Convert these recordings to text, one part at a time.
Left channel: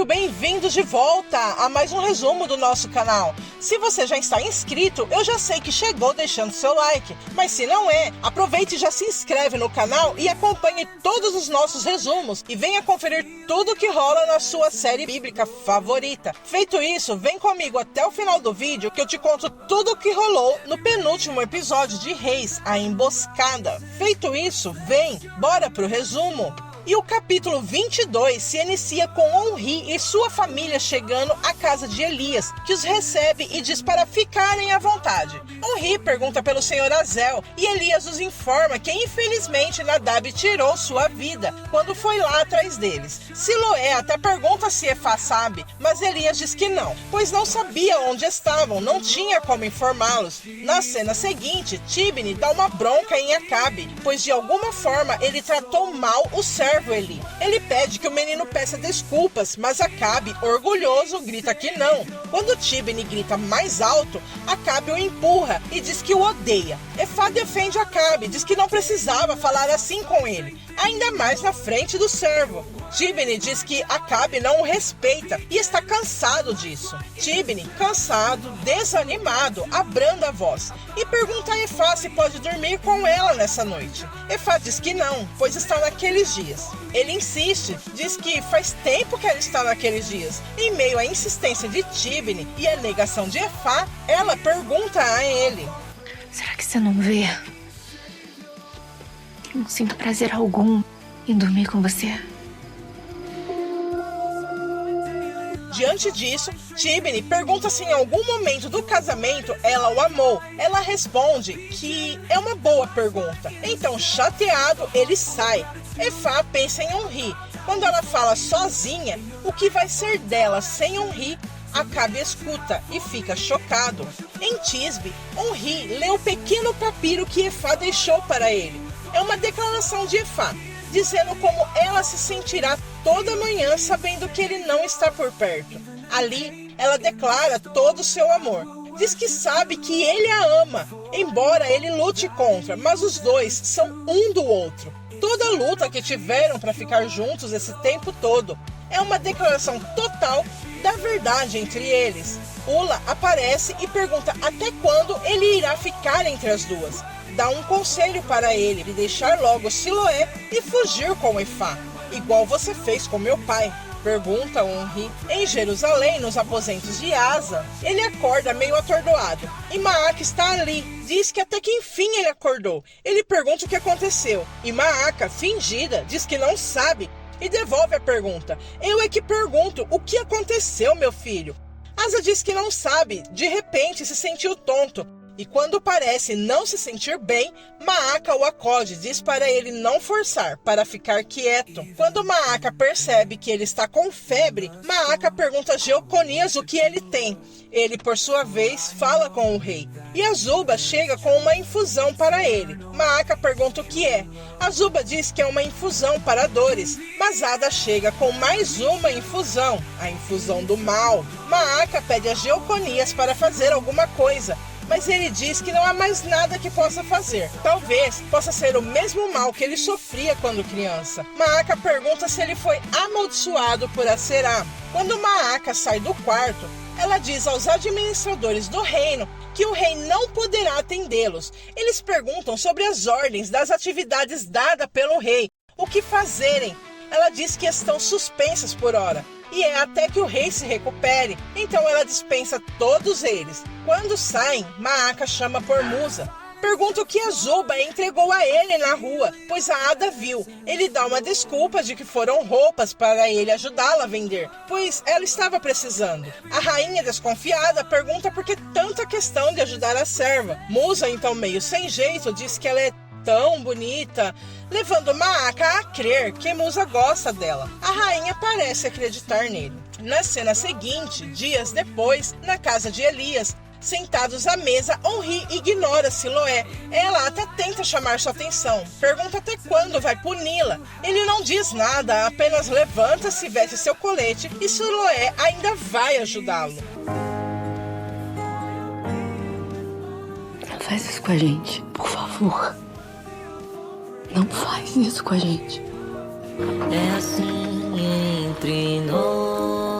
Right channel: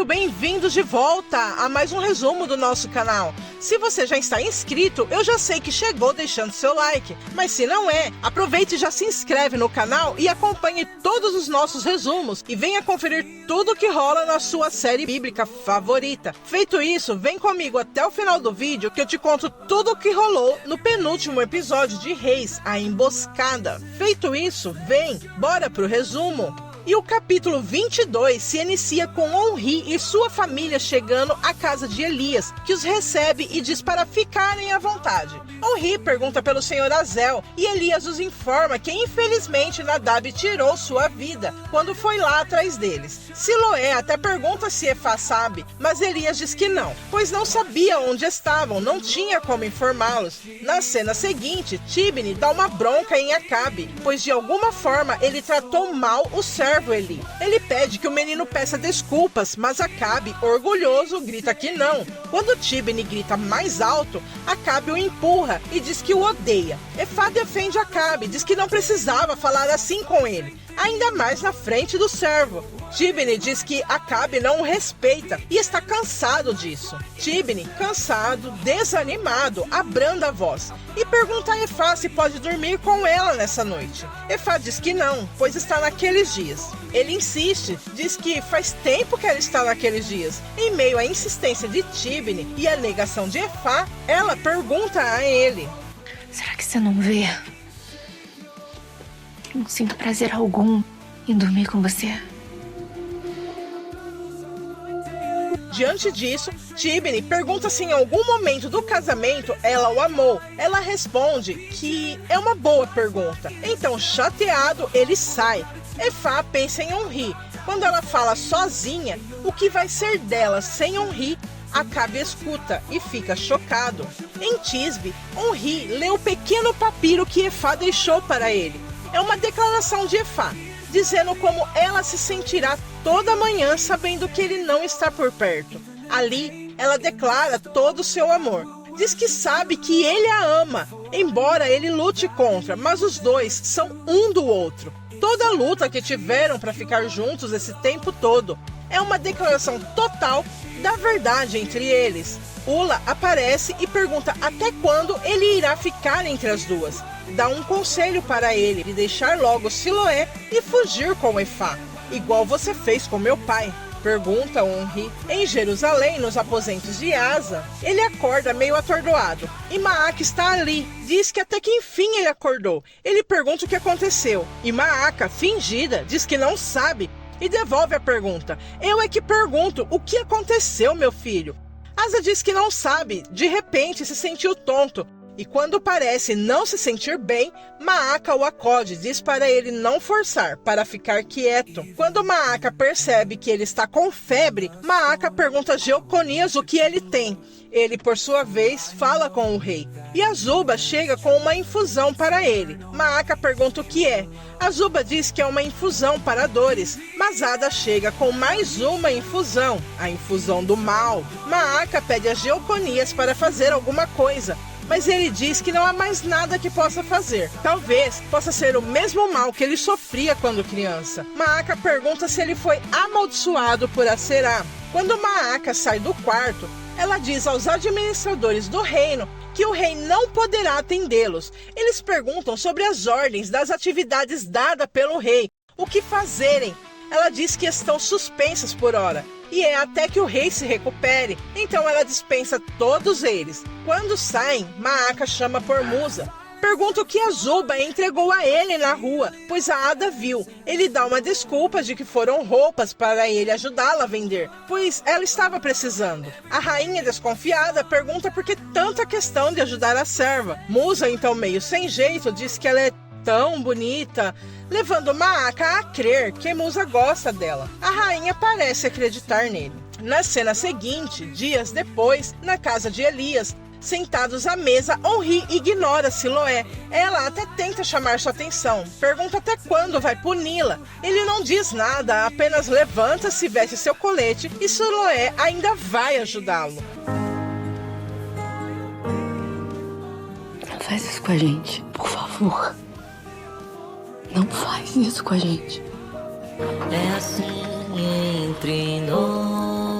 muito bem-vindos de volta a mais um resumo do nosso canal. Se você já está inscrito, eu já sei que chegou deixando seu like, mas se não é, aproveite e já se inscreve no canal e acompanhe todos os nossos resumos e venha conferir tudo que rola na sua série bíblica favorita. Feito isso, vem comigo até o final do vídeo que eu te conto tudo o que rolou no penúltimo episódio de Reis, a Emboscada. Feito isso, vem, bora pro resumo. E o capítulo 22 se inicia com Omri e sua família chegando à casa de Elias, que os recebe e diz para ficarem à vontade. Omri pergunta pelo senhor Azel e Elias os informa que infelizmente Nadab tirou sua vida quando foi lá atrás deles. Siloé até pergunta se Efá sabe, mas Elias diz que não, pois não sabia onde estavam, não tinha como informá-los. Na cena seguinte, Tibni dá uma bronca em Acabe, pois de alguma forma ele tratou mal o servo Eli. Ele pede que o menino peça desculpas, mas Acabe, orgulhoso, grita que não. Quando Tibni grita mais alto, Acabe o empurra e diz que o odeia. Efá defende Acabe, diz que não precisava falar assim com ele, ainda mais na frente do servo. Tibni diz que Acabe não o respeita e está cansado disso. Tibni, cansado, desanimado, abranda a voz e pergunta a Efá se pode dormir com ela nessa noite. Efá diz que não, pois está naqueles dias. Ele insiste, diz que faz tempo que ela está naqueles dias. Em meio à insistência de Tibni e à negação de Efá, ela pergunta a ele: será que você não vê? Eu não sinto prazer algum em dormir com você. Diante disso, Tibni pergunta se em algum momento do casamento ela o amou. Ela responde que é uma boa pergunta. Então, chateado, ele sai. Efá pensa em Omri. Quando ela fala sozinha, o que vai ser dela sem Omri, Acabe escuta e fica chocado. Em Tisbe, Omri lê o pequeno papiro que Efá deixou para ele. É uma declaração de Efá, dizendo como ela se sentirá toda manhã sabendo que ele não está por perto. Ali, ela declara todo o seu amor. Diz que sabe que ele a ama, embora ele lute contra, mas os dois são um do outro. Toda a luta que tiveram para ficar juntos esse tempo todo é uma declaração total da verdade entre eles. Ula aparece e pergunta até quando ele irá ficar entre as duas. Dá um conselho para ele de deixar logo Siloé e fugir com Efá, igual você fez com meu pai. Pergunta Omri. Em Jerusalém, nos aposentos de Asa, ele acorda meio atordoado. E Maaca está ali. Diz que até que enfim ele acordou. Ele pergunta o que aconteceu. E Maaca, fingida, diz que não sabe e devolve a pergunta. Eu é que pergunto, o que aconteceu, meu filho? Asa diz que não sabe. De repente se sentiu tonto. E quando parece não se sentir bem, Maaca o acode, diz para ele não forçar, para ficar quieto. Quando Maaca percebe que ele está com febre, Maaca pergunta a Jeconias o que ele tem. Ele, por sua vez, fala com o rei. E Azuba chega com uma infusão para ele. Maaca pergunta o que é. Azuba diz que é uma infusão para dores, mas Ada chega com mais uma infusão, a infusão do mal. Maaca pede a Jeconias para fazer alguma coisa, mas ele diz que não há mais nada que possa fazer. Talvez possa ser o mesmo mal que ele sofria quando criança. Maaca pergunta se ele foi amaldiçoado por Aserá. Quando Maaca sai do quarto, ela diz aos administradores do reino que o rei não poderá atendê-los. Eles perguntam sobre as ordens das atividades dadas pelo rei, o que fazerem. Ela diz que estão suspensas por hora, e é até que o rei se recupere. Então ela dispensa todos eles. Quando saem, Maaca chama por Musa. Pergunta o que Azuba entregou a ele na rua, pois a Ada viu. Ele dá uma desculpa de que foram roupas para ele ajudá-la a vender, pois ela estava precisando. A rainha desconfiada pergunta por que tanta questão de ajudar a serva. Musa, então meio sem jeito, diz que ela é tão bonita, levando Maaca a crer que Musa gosta dela. A rainha parece acreditar nele. Na cena seguinte, dias depois, na casa de Elias, sentados à mesa, Omri ignora Siloé. Ela até tenta chamar sua atenção, pergunta até quando vai puni-la. Ele não diz nada, apenas levanta-se, veste seu colete e Siloé ainda vai ajudá-lo. Não faz isso com a gente, por favor. Não faz isso com a gente. É assim entre nós.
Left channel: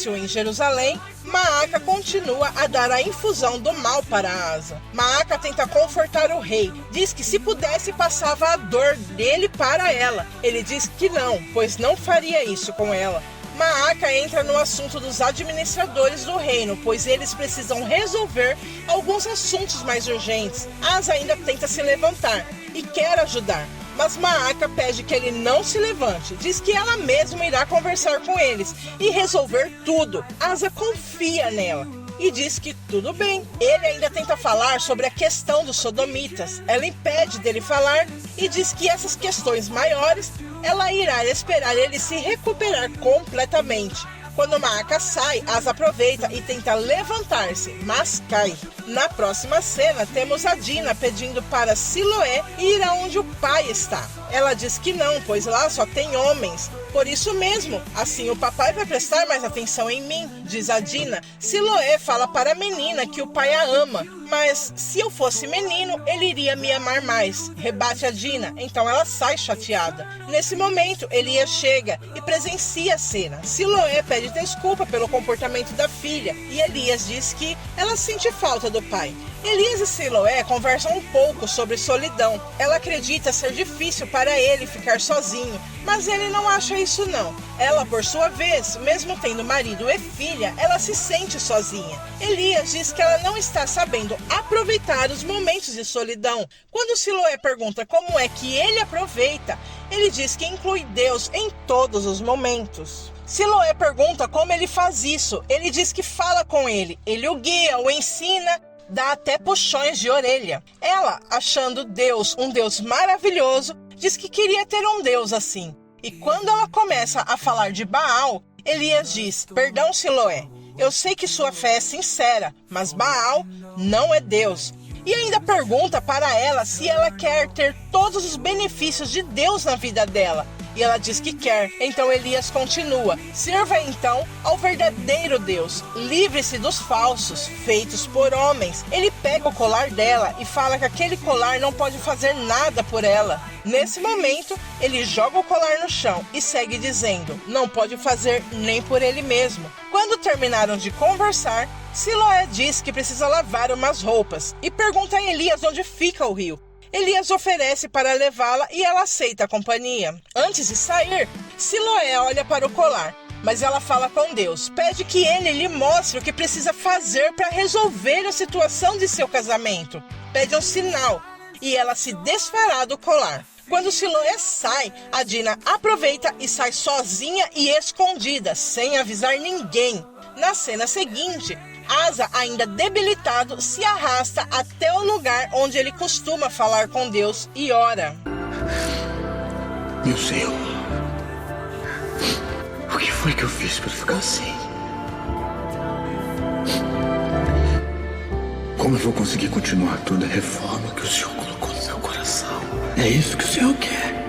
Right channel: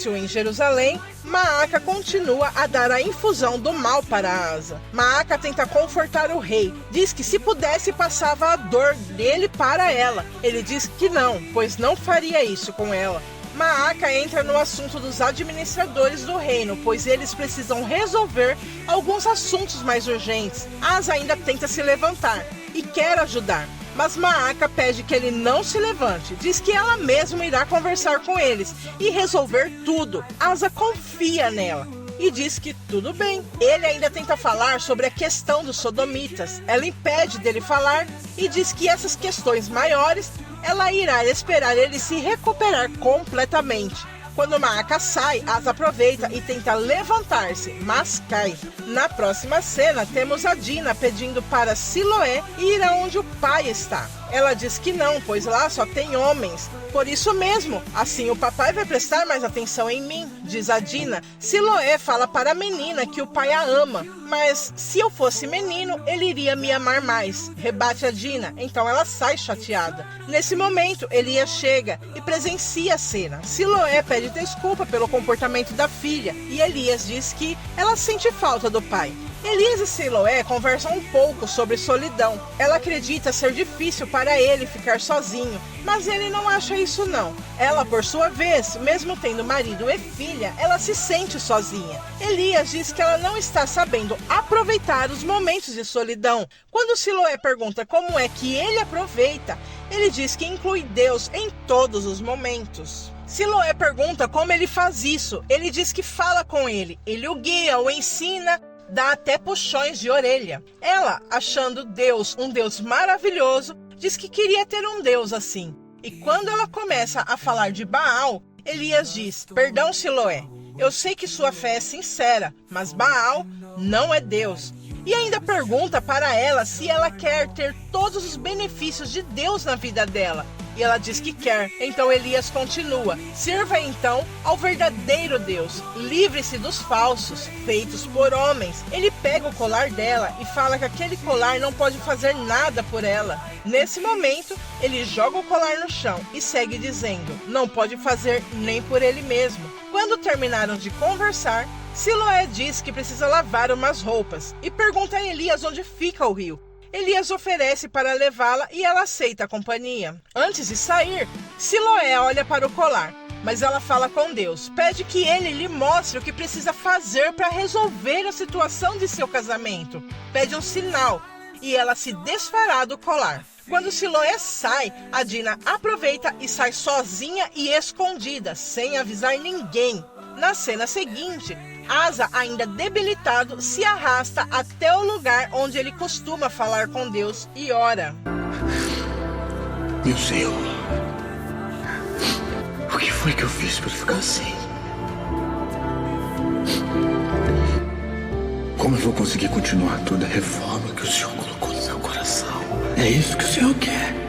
palácio em Jerusalém, Maaca continua a dar a infusão do mal para Asa. Maaca tenta confortar o rei, diz que se pudesse passava a dor dele para ela. Ele diz que não, pois não faria isso com ela. Maaca entra no assunto dos administradores do reino, pois eles precisam resolver alguns assuntos mais urgentes. Asa ainda tenta se levantar e quer ajudar, mas Maaca pede que ele não se levante. Diz que ela mesma irá conversar com eles e resolver tudo. Asa confia nela e diz que tudo bem. Ele ainda tenta falar sobre a questão dos sodomitas. Ela impede dele falar e diz que essas questões maiores ela irá esperar ele se recuperar completamente. Quando Maaca sai, Asa aproveita e tenta levantar-se, mas cai. Na próxima cena, temos a Dina pedindo para Siloé ir aonde o pai está. Ela diz que não, pois lá só tem homens. Por isso mesmo, assim o papai vai prestar mais atenção em mim, diz a Dina. Siloé fala para a menina que o pai a ama, mas se eu fosse menino, ele iria me amar mais, rebate a Dina. Então ela sai chateada. Nesse momento, Elias chega e presencia a cena. Siloé pede desculpa pelo comportamento da filha e Elias diz que ela sente falta do pai. Elias e Siloé conversam um pouco sobre solidão. Ela acredita ser difícil para ele ficar sozinho, mas ele não acha isso não. Ela, por sua vez, mesmo tendo marido e filha, ela se sente sozinha. Elias diz que ela não está sabendo aproveitar os momentos de solidão. Quando Siloé pergunta como é que ele aproveita, ele diz que inclui Deus em todos os momentos. Siloé pergunta como ele faz isso. Ele diz que fala com ele o guia, o ensina, dá até puxões de orelha. Ela, achando Deus um Deus maravilhoso, diz que queria ter um Deus assim. E quando ela começa a falar de Baal, Elias diz: perdão, Siloé, eu sei que sua fé é sincera, mas Baal não é Deus. E ainda pergunta para ela se ela quer ter todos os benefícios de Deus na vida dela. E ela diz que quer. Então Elias continua: sirva então ao verdadeiro Deus, livre-se dos falsos, feitos por homens. Ele pega o colar dela e fala que aquele colar não pode fazer nada por ela. Nesse momento, ele joga o colar no chão e segue dizendo: não pode fazer nem por ele mesmo. Quando terminaram de conversar, Siloé diz que precisa lavar umas roupas e pergunta a Elias onde fica o rio. Elias oferece para levá-la e ela aceita a companhia. Antes de sair, Siloé olha para o colar, mas ela fala com Deus. Pede que ele lhe mostre o que precisa fazer para resolver a situação de seu casamento. Pede um sinal e ela se desfará do colar. Quando Siloé sai, a Dina aproveita e sai sozinha e escondida, sem avisar ninguém. Na cena seguinte, Asa, ainda debilitado, se arrasta até o lugar onde ele costuma falar com Deus e ora. Meu Senhor, o que foi que eu fiz para ficar assim? Como eu vou conseguir continuar toda a reforma que o Senhor colocou no meu coração? É isso que o Senhor quer.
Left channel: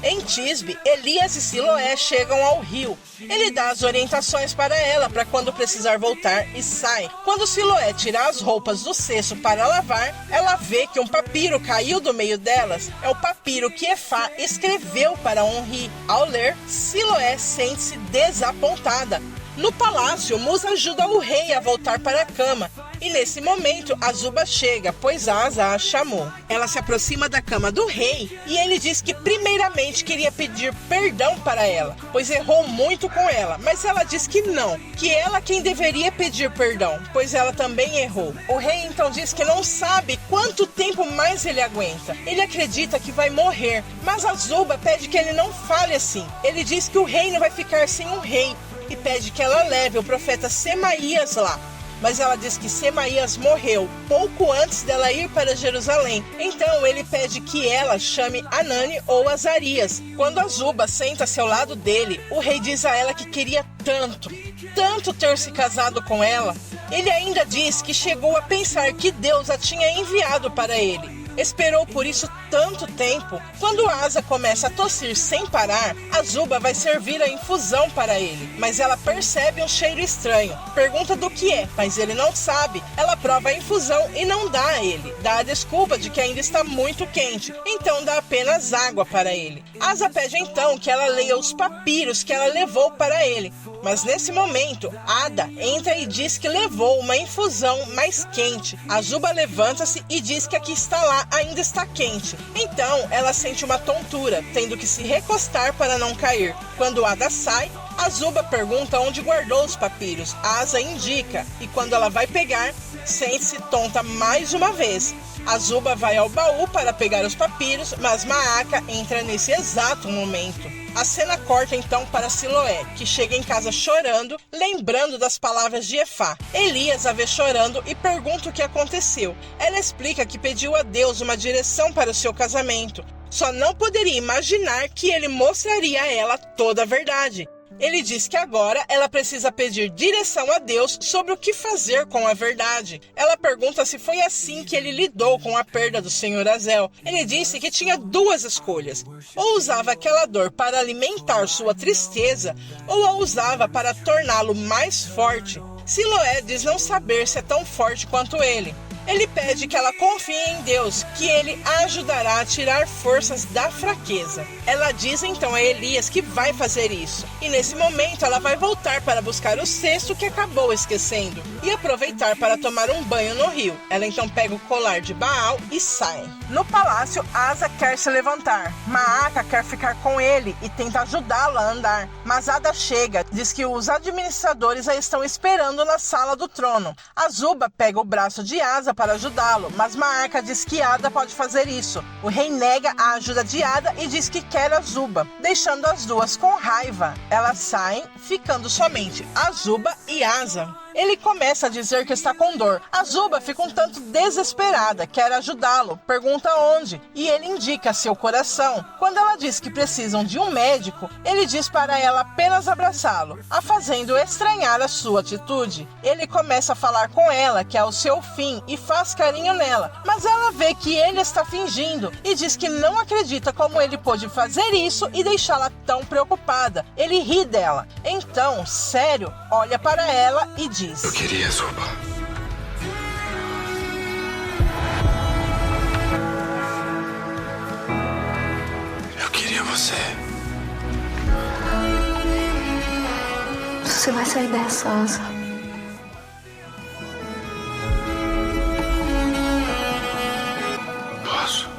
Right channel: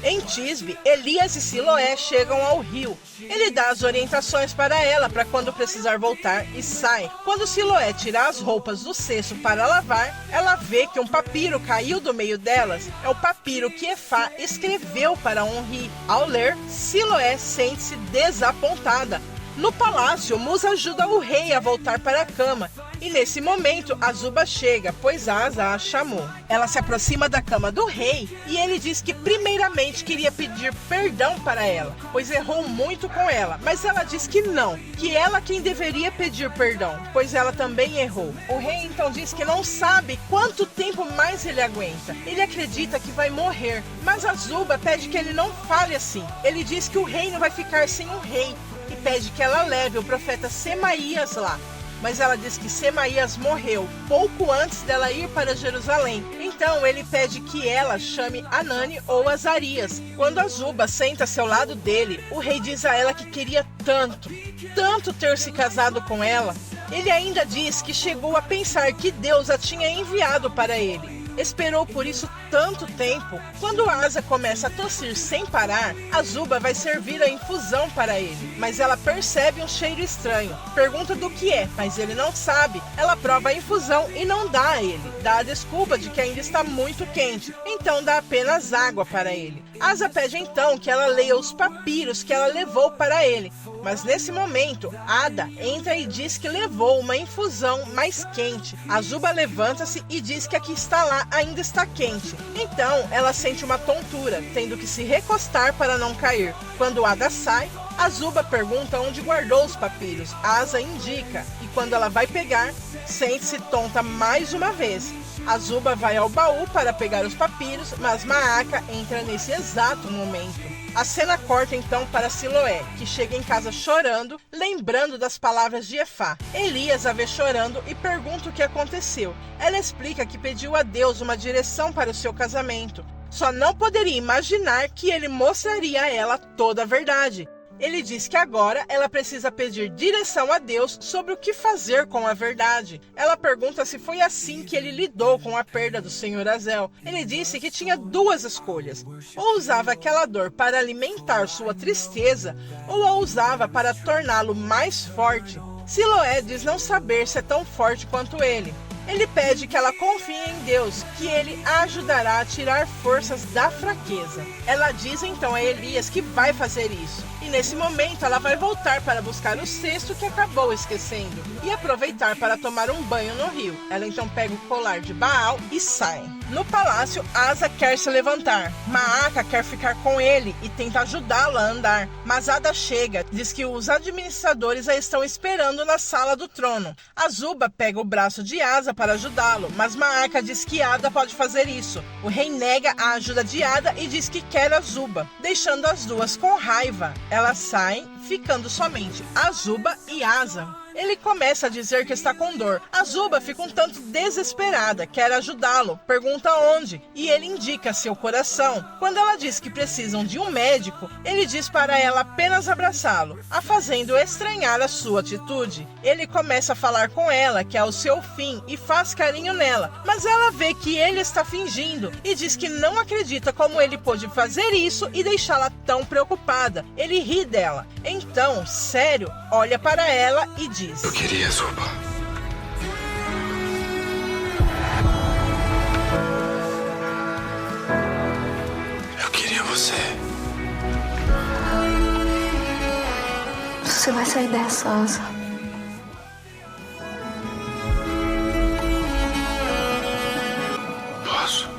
Em Tisbe, Elias e Siloé chegam ao rio. Ele dá as orientações para ela para quando precisar voltar e sai. Quando Siloé tira as roupas do cesto para lavar, ela vê que um papiro caiu do meio delas. É o papiro que Efá escreveu para Onri. Ao ler, Siloé sente-se desapontada. No palácio, Musa ajuda o rei a voltar para a cama. E nesse momento, Azuba chega, pois Asa a chamou. Ela se aproxima da cama do rei e ele diz que primeiramente queria pedir perdão para ela, pois errou muito com ela. Mas ela diz que não, que ela quem deveria pedir perdão, pois ela também errou. O rei então diz que não sabe quanto tempo mais ele aguenta. Ele acredita que vai morrer, mas Azuba pede que ele não fale assim. Ele diz que o reino vai ficar sem um rei e pede que ela leve o profeta Semaías lá. Mas ela diz que Semaías morreu pouco antes dela ir para Jerusalém. Então ele pede que ela chame Anani ou Azarias. Quando Azuba senta-se ao lado dele, o rei diz a ela que queria tanto ter se casado com ela. Ele ainda diz que chegou a pensar que Deus a tinha enviado para ele. Esperou por isso tanto tempo. Quando Asa começa a tossir sem parar, Azuba vai servir a infusão para ele, mas ela percebe um cheiro estranho. Pergunta do que é, mas ele não sabe. Ela prova a infusão e não dá a ele. Dá a desculpa de que ainda está muito quente, então dá apenas água para ele. Asa pede então que ela leia os papiros que ela levou para ele, mas nesse momento, Ada entra e diz que levou uma infusão mais quente. Azuba levanta-se e diz que a que está lá ainda está quente. Então, ela sente uma tontura, tendo que se recostar para não cair. Quando Ada sai, Azuba pergunta onde guardou os papiros. Asa indica, e quando ela vai pegar, sente-se tonta mais uma vez. Azuba vai ao baú para pegar os papiros, mas Maaka entra nesse exato momento. A cena corta então para Siloé, que chega em casa chorando, lembrando das palavras de Efá. Elias a vê chorando e pergunta o que aconteceu. Ela explica que pediu a Deus uma direção para o seu casamento. Só não poderia imaginar que ele mostraria a ela toda a verdade. Ele diz que agora ela precisa pedir direção a Deus sobre o que fazer com a verdade. Ela pergunta se foi assim que ele lidou com a perda do Senhor Azel. Ele disse que tinha duas escolhas. Ou usava aquela dor para alimentar sua tristeza, ou a usava para torná-lo mais forte. Siloé diz não saber se é tão forte quanto ele. Ele pede que ela confie em Deus, que ele a ajudará a tirar forças da fraqueza. Ela diz então a Elias que vai fazer isso. E nesse momento ela vai voltar para buscar o cesto que acabou esquecendo e aproveitar para tomar um banho no rio. Ela então pega o colar de Baal e sai. No palácio, Asa quer se levantar. Maaka quer ficar com ele e tenta ajudá-la a andar. Mas Ada chega, diz que os administradores a estão esperando na sala do trono. Azuba pega o braço de Asa para ajudá-lo, mas Maaka diz que Ada pode fazer isso. O rei nega a ajuda de Ada e diz que quer Azuba, deixando as duas com raiva. Elas saem, ficando somente Azuba e Asa. Ele começa a dizer que está com dor. Azuba fica um tanto desesperada, quer ajudá-lo, pergunta onde, e ele indica seu coração. Quando ela diz que precisam de um médico, ele diz para ela apenas abraçá-lo, a fazendo estranhar a sua atitude. Ele começa a falar com ela que é o seu fim e faz carinho nela, mas ela vê que ele está fingindo e diz que não acredita como ele pôde fazer isso e deixá-la tão preocupada. Ele ri dela. Então, sério, olha para ela e diz: Eu queria, Azuba. Eu queria você. Você vai sair dessa, Asa. Posso?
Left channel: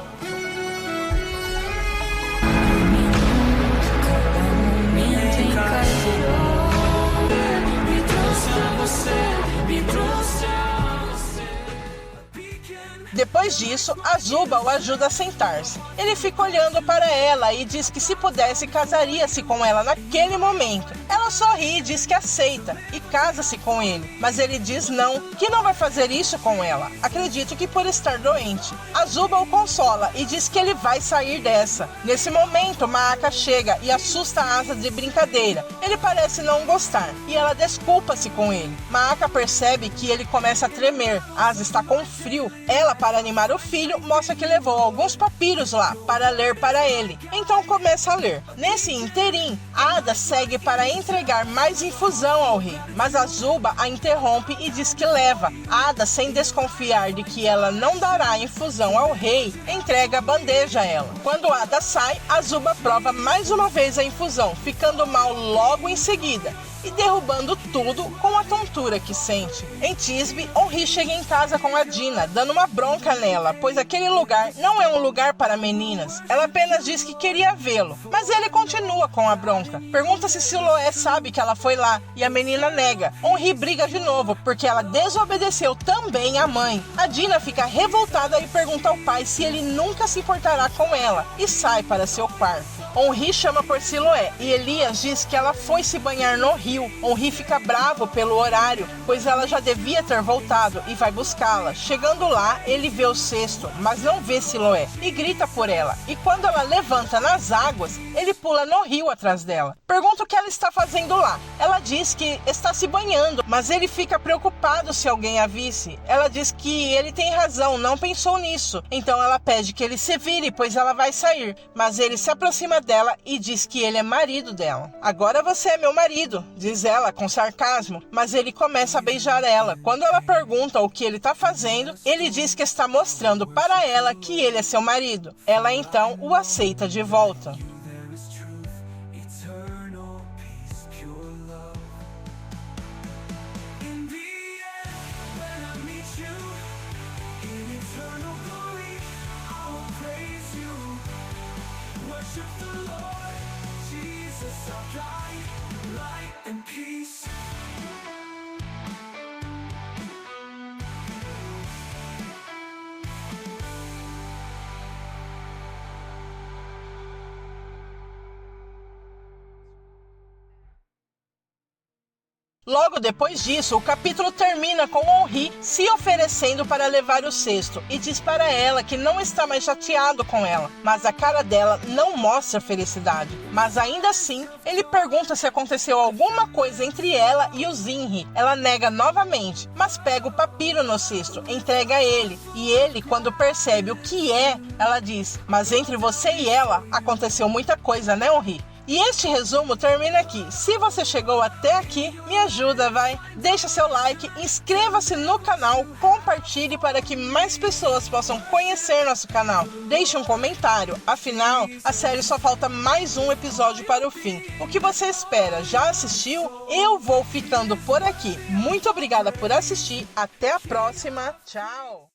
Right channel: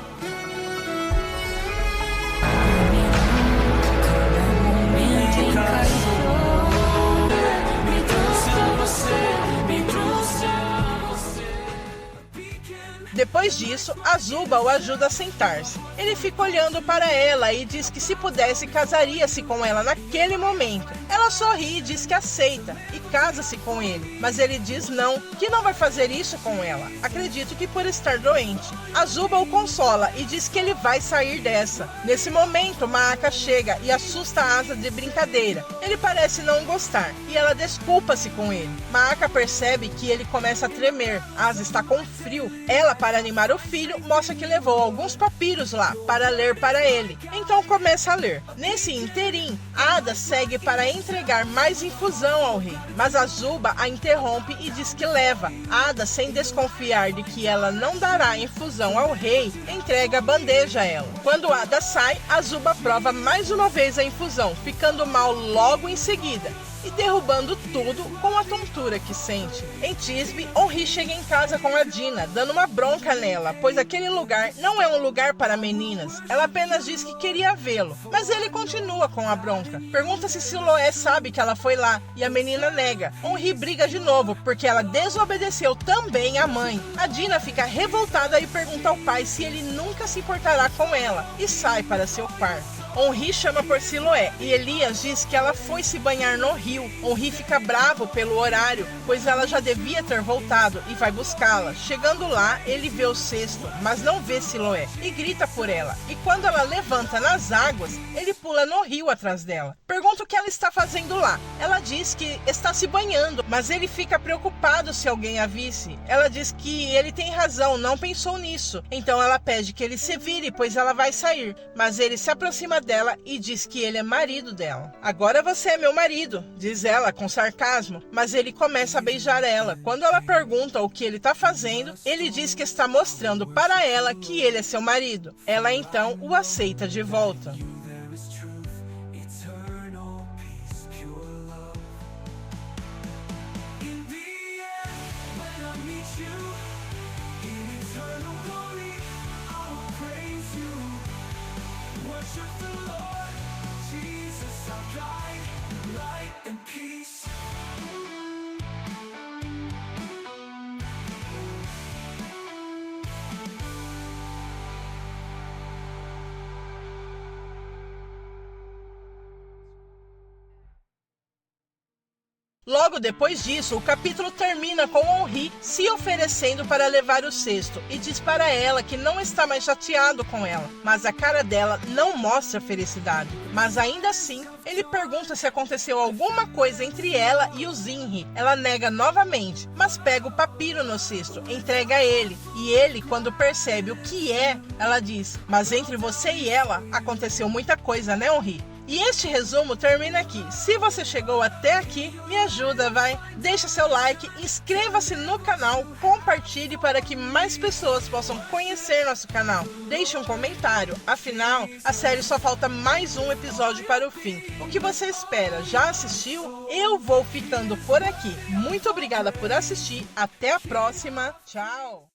Depois disso, Azuba o ajuda a sentar-se. Ele fica olhando para ela e diz que se pudesse, casaria-se com ela naquele momento. Ela sorri e diz que aceita e casa-se com ele, mas ele diz não, que não vai fazer isso com ela. Acredito que por estar doente. Azuba o consola e diz que ele vai sair dessa. Nesse momento, Maaka chega e assusta Asa de brincadeira. Ele parece não gostar e ela desculpa-se com ele. Maaka percebe que ele começa a tremer. Asa está com frio. Ela, para animar o filho, mostra que levou alguns papiros lá para ler para ele. Então começa a ler. Nesse interim, Ada segue para entregar mais infusão ao rei, mas Azuba a interrompe e diz que leva. Ada, sem desconfiar de que ela não dará infusão ao rei, entrega a bandeja a ela. Quando Ada sai, Azuba prova mais uma vez a infusão, ficando mal logo em seguida e derrubando tudo com a tontura que sente. Em Tisbe, Onri chega em casa com a Dina, dando uma bronca nela, pois aquele lugar não é um lugar para meninas. Ela apenas diz que queria vê-lo, mas ele continua com a bronca. Pergunta se Siloé sabe que ela foi lá, e a menina nega. Onri briga de novo, porque ela desobedeceu também a mãe. A Dina fica revoltada e pergunta ao pai se ele nunca se importará com ela, e sai para seu quarto. Henri chama por Siloé e Elias diz que ela foi se banhar no rio. Henri fica bravo pelo horário, pois ela já devia ter voltado e vai buscá-la. Chegando lá, ele vê o cesto, mas não vê Siloé e grita por ela. E quando ela levanta nas águas, ele pula no rio atrás dela. Pergunta o que ela está fazendo lá. Ela diz que está se banhando, mas ele fica preocupado se alguém a visse. Ela diz que ele tem razão, não pensou nisso. Então ela pede que ele se vire, pois ela vai sair. Mas ele se aproxima dela e diz que ele é marido dela. Agora você é meu marido, diz ela com sarcasmo, mas ele começa a beijar ela. Quando ela pergunta o que ele está fazendo, ele diz que está mostrando para ela que ele é seu marido. Ela então o aceita de volta. Worship the Lord, Jesus, our guide, light and peace. Logo depois disso, o capítulo termina com Henri se oferecendo para levar o cesto e diz para ela que não está mais chateado com ela, mas a cara dela não mostra felicidade. Mas ainda assim, ele pergunta se aconteceu alguma coisa entre ela e o Zinri. Ela nega novamente, mas pega o papiro no cesto, entrega a ele. E ele, quando percebe o que é, ela diz: mas entre você e ela aconteceu muita coisa, né, Henri? E este resumo termina aqui. Se você chegou até aqui, me ajuda, vai. Deixa seu like, inscreva-se no canal, compartilhe para que mais pessoas possam conhecer nosso canal. Deixe um comentário, afinal, a série só falta mais um episódio para o fim. O que você espera? Já assistiu? Eu vou ficando por aqui. Muito obrigada por assistir, até a próxima, tchau!